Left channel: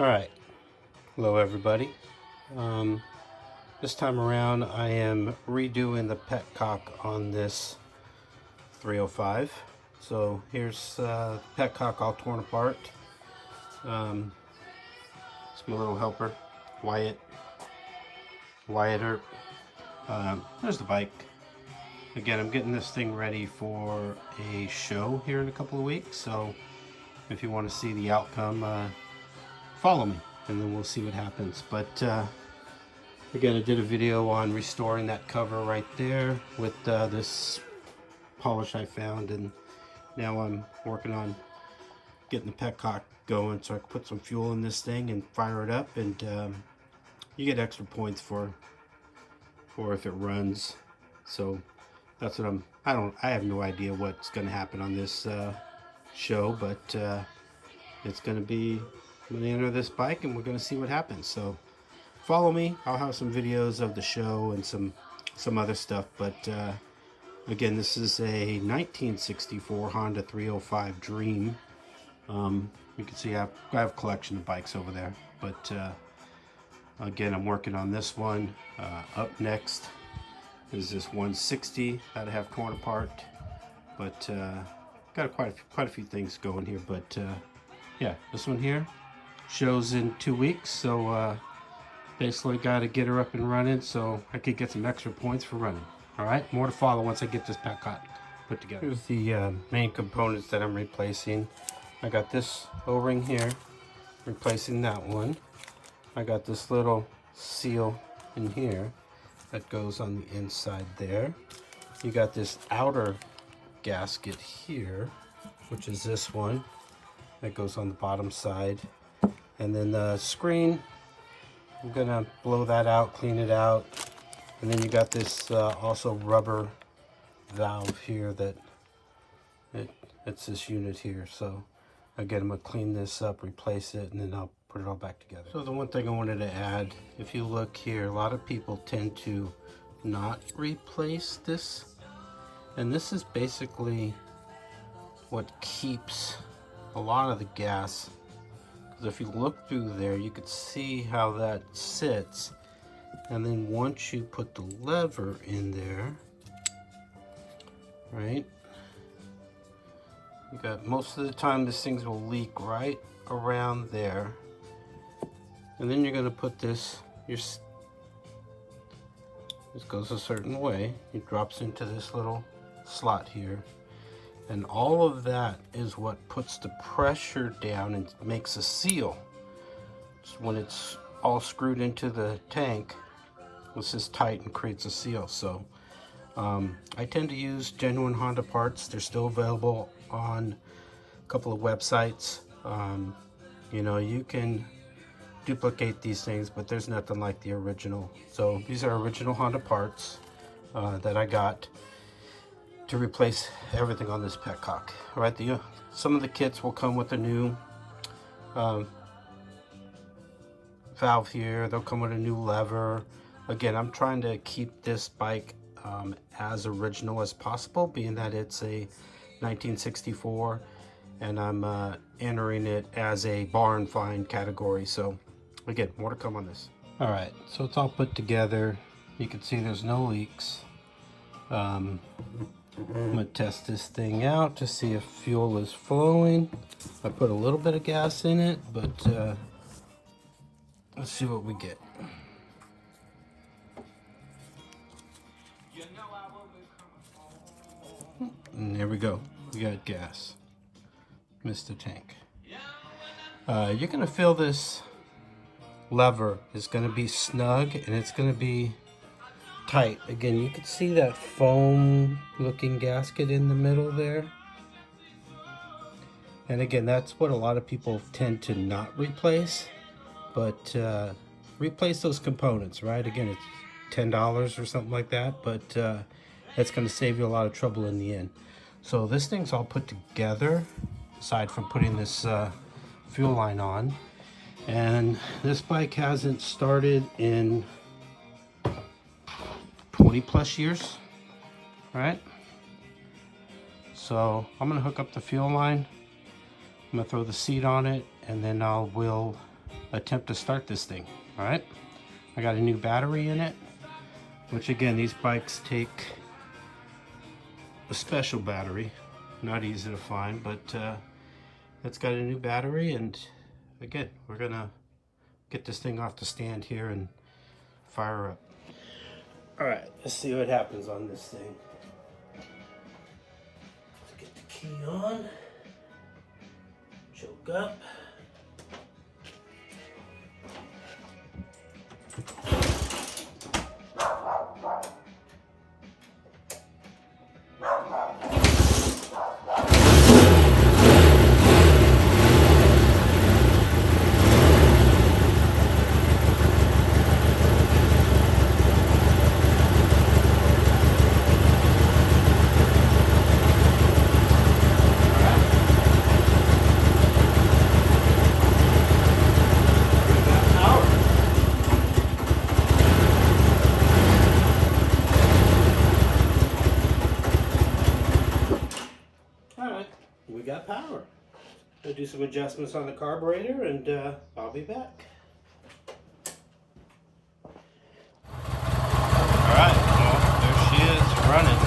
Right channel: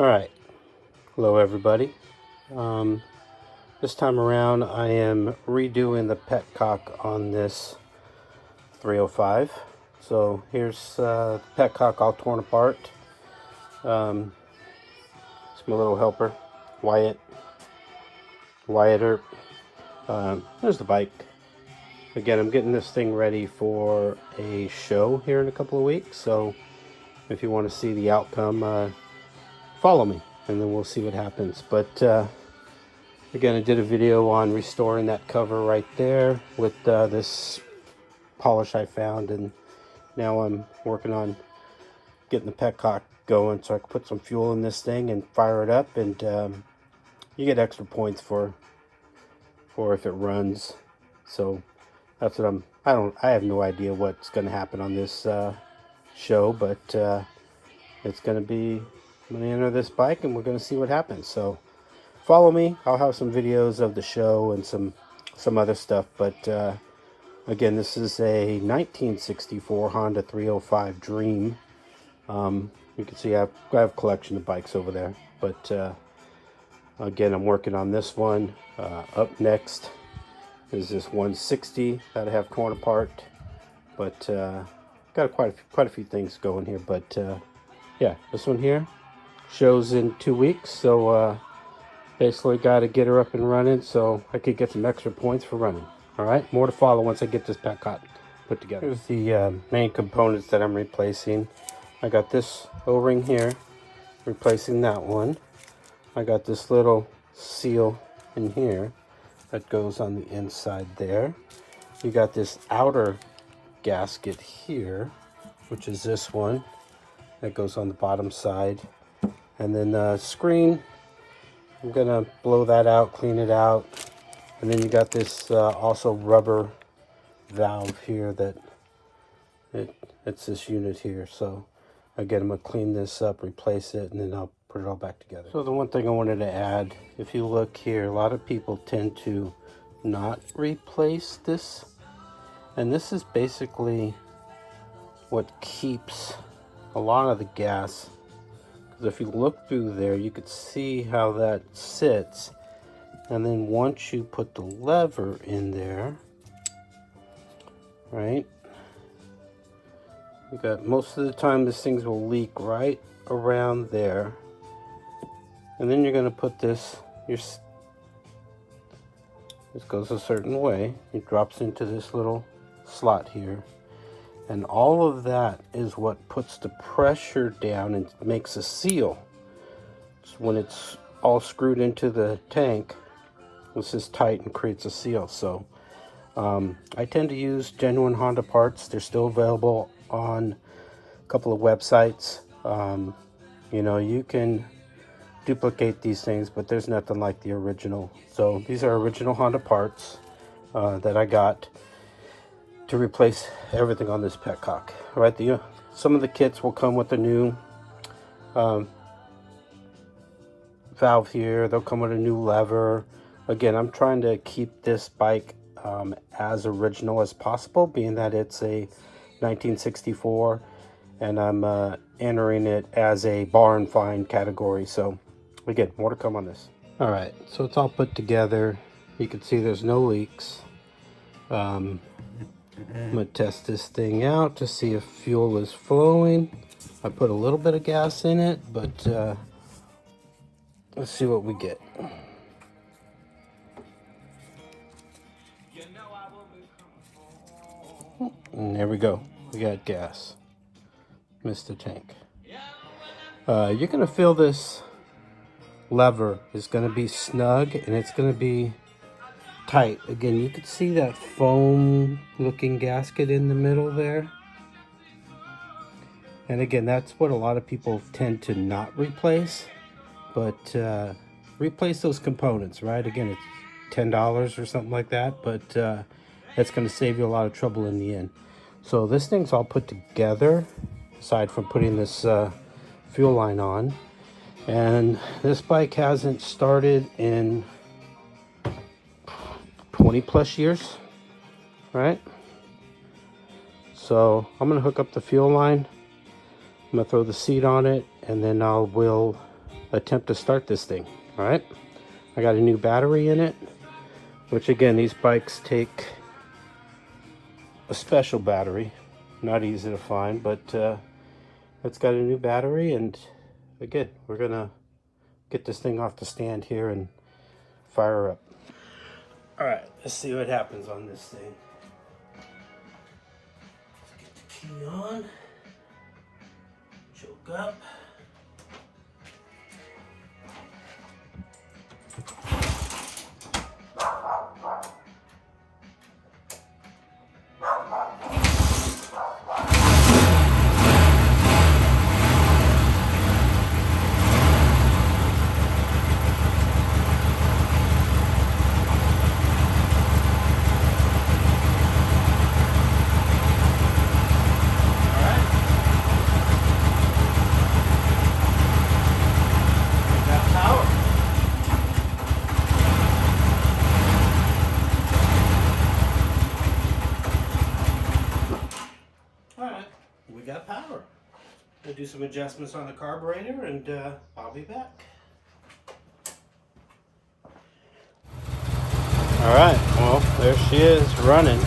Alright, hello everybody. This time around I am redoing the Petcock on this 305. So here's the Petcock all torn apart. It's my little helper, Wyatt Earp. There's the bike. Again, I'm getting this thing ready for a show here in a couple of weeks, so if you want to see the outcome, follow me and then we'll see what happens. But again, I did a video on restoring that cover right there with this polish I found, and now I'm working on getting the Petcock going so I can put some fuel in this thing and fire it up, and you get extra points for if it runs. So that's what I have no idea what's going to happen on this show, but it's going to be, I'm going to enter this bike and we're going to see what happens. So follow me. I'll have some videos of the show and some other stuff, but again, this is a 1964 Honda 305 Dream. You can see I have a collection of bikes over there, but again, I'm working on this one. Up next is this 160 that I have torn apart, but got quite a few things going here. But yeah, this one here shows in 2 weeks, so basically got to get her up and running so I could get some extra points for running. All right, more to follow once I get this Petcock put together. Here's the main components that I'm replacing. I got this O-ring here, replacing that one. I got this little seal in here that goes on the inside there. You got this outer gasket here, which is this one that goes on the bottom side. And then the screen, I'm gonna blow that out, clean it out. And then you got this also rubber valve here that it's this unit here. So again, I'm gonna clean this up, replace it, and then I'll put it all back together. So the one thing I wanted to add, if you look here, a lot of people tend to not replace this. And this is basically what keeps a lot of the gas. Because if you look through there, you could see how that sits. And then once you put the lever in there, right? You got, most of the time these things will leak right around there. And then you're going to put this, this goes a certain way. It drops into this little slot here. And all of that is what puts the pressure down and makes a seal. So when it's all screwed into the tank, this is tight and creates a seal. So I tend to use genuine Honda parts. They're still available on a couple of websites. You know, you can duplicate these things, but there's nothing like the original. So these are original Honda parts that I got to replace everything on this Petcock. All right, some of the kits will come with a new valve here. They'll come with a new lever. Again, I'm trying to keep this bike as original as possible, being that it's a 1964 and I'm entering it as a barn find category. So again, more to come on this. All right, so it's all put together. You can see there's no leaks. I'm gonna test this thing out to see if fuel is flowing. I put a little bit of gas in it, but let's see what we get. And there we go, we got gas. Missed the tank. You're gonna feel this lever is gonna be snug and it's gonna be tight. Again, you can see that foam looking gasket in the middle there. And again, that's what a lot of people tend to not replace, but replace those components, right? Again, it's $10 or something like that, but that's going to save you a lot of trouble in the end. So this thing's all put together, aside from putting this fuel line on. And this bike hasn't started in 20 plus years, right? So I'm gonna hook up the fuel line. I'm gonna throw the seat on it, and then we'll attempt to start this thing. All right, I got a new battery in it, which again, these bikes take a special battery, not easy to find, but it's got a new battery, and again, we're gonna get this thing off the stand here and fire her up. All right, let's see what happens on this thing. Let's get the key on, choke up. We got power. I'll do some adjustments on the carburetor, and I'll be back. All right, well, there she is running.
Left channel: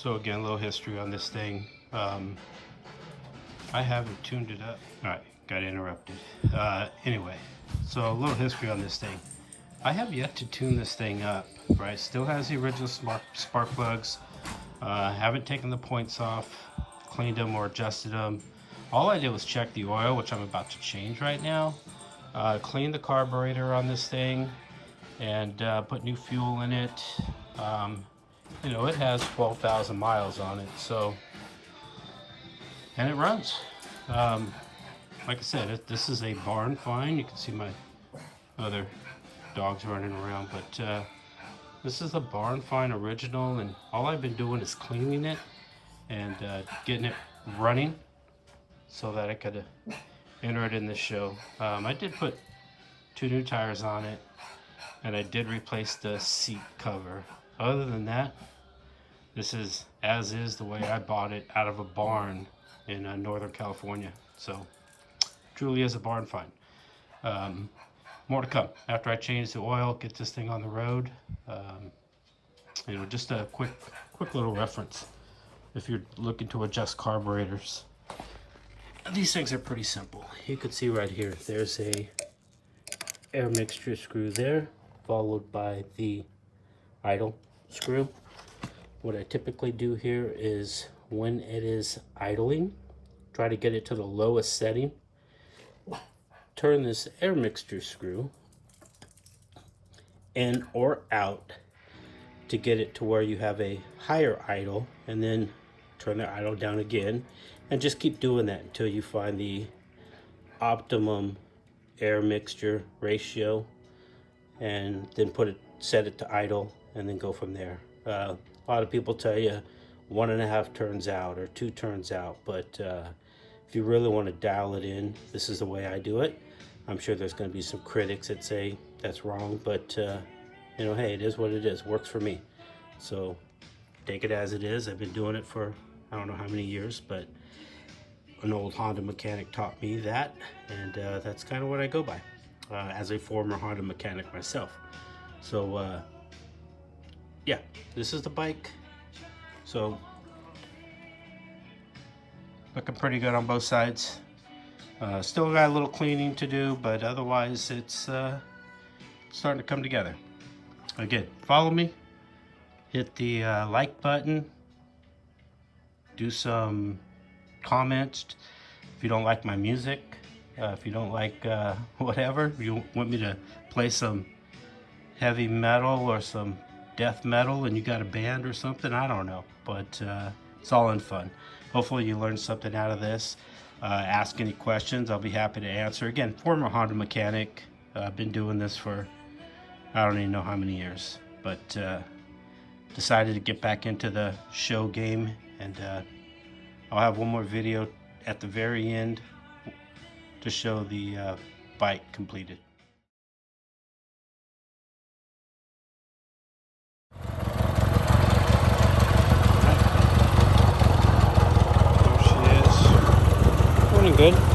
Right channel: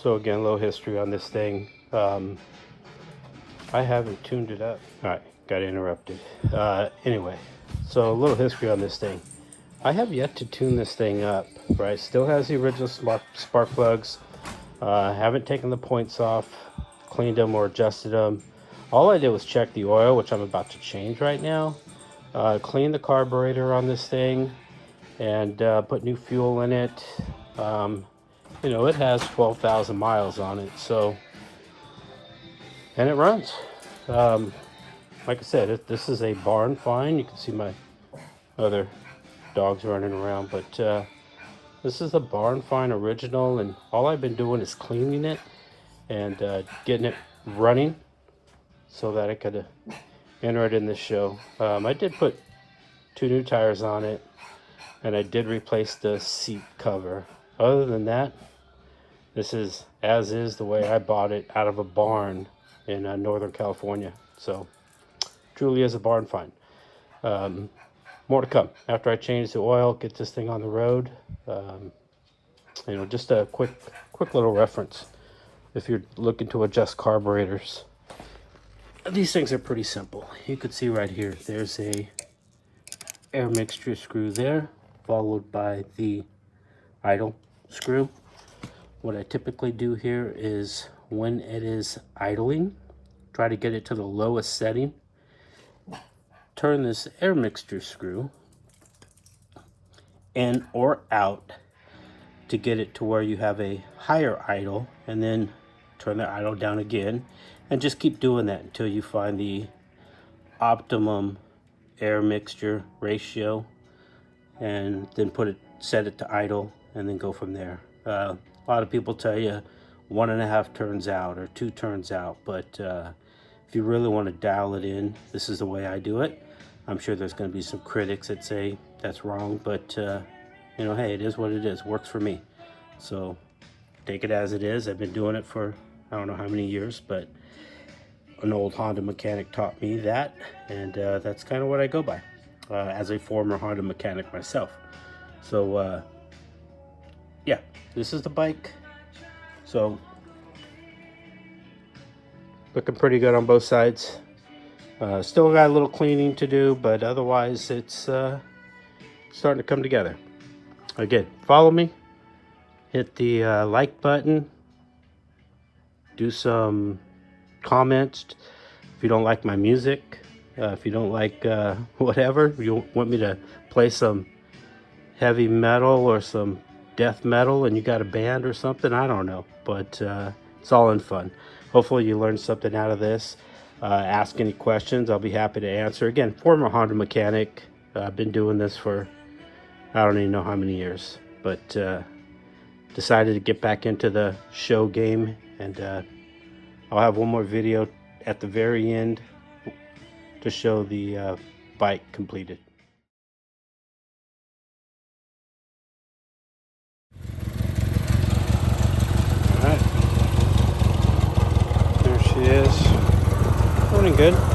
So again, a little history on this thing. I haven't tuned it up. All right, got interrupted. Anyway, so a little history on this thing. I have yet to tune this thing up, right? Still has the original spark plugs. Haven't taken the points off, cleaned them or adjusted them. All I did was check the oil, which I'm about to change right now. Clean the carburetor on this thing, and put new fuel in it. You know, it has 12,000 miles on it, so, and it runs. Like I said, this is a barn find. You can see my other dogs running around, but this is a barn find original, and all I've been doing is cleaning it and getting it running so that I could enter it in this show. I did put 2 new tires on it, and I did replace the seat cover. Other than that, this is as is the way I bought it out of a barn in Northern California. So truly is a barn find. More to come after I change the oil, get this thing on the road. You know, just a quick little reference if you're looking to adjust carburetors. These things are pretty simple. You can see right here, there's a air mixture screw there, followed by the idle screw. What I typically do here is when it is idling, try to get it to the lowest setting, turn this air mixture screw in or out to get it to where you have a higher idle, and then turn the idle down again, and just keep doing that until you find the optimum air mixture ratio, and then set it to idle, and then go from there. A lot of people tell you 1.5 turns out or 2 turns out, but if you really want to dial it in, this is the way I do it. I'm sure there's going to be some critics that say that's wrong, but you know, hey, it is what it is. Works for me, so take it as it is. I've been doing it for I don't know how many years, but an old Honda mechanic taught me that, and that's kind of what I go by as a former Honda mechanic myself. So yeah, this is the bike. So looking pretty good on both sides. Still got a little cleaning to do, but otherwise it's starting to come together. Again, follow me, hit the like button, do some comments if you don't like my music, if you don't like whatever, you want me to play some heavy metal or some death metal and you got a band or something, I don't know, but it's all in fun. Hopefully you learned something out of this. Ask any questions, I'll be happy to answer. Again, former Honda mechanic. I've been doing this for I don't even know how many years, but decided to get back into the show game, and I'll have one more video at the very end to show the bike completed. There she is. Running good.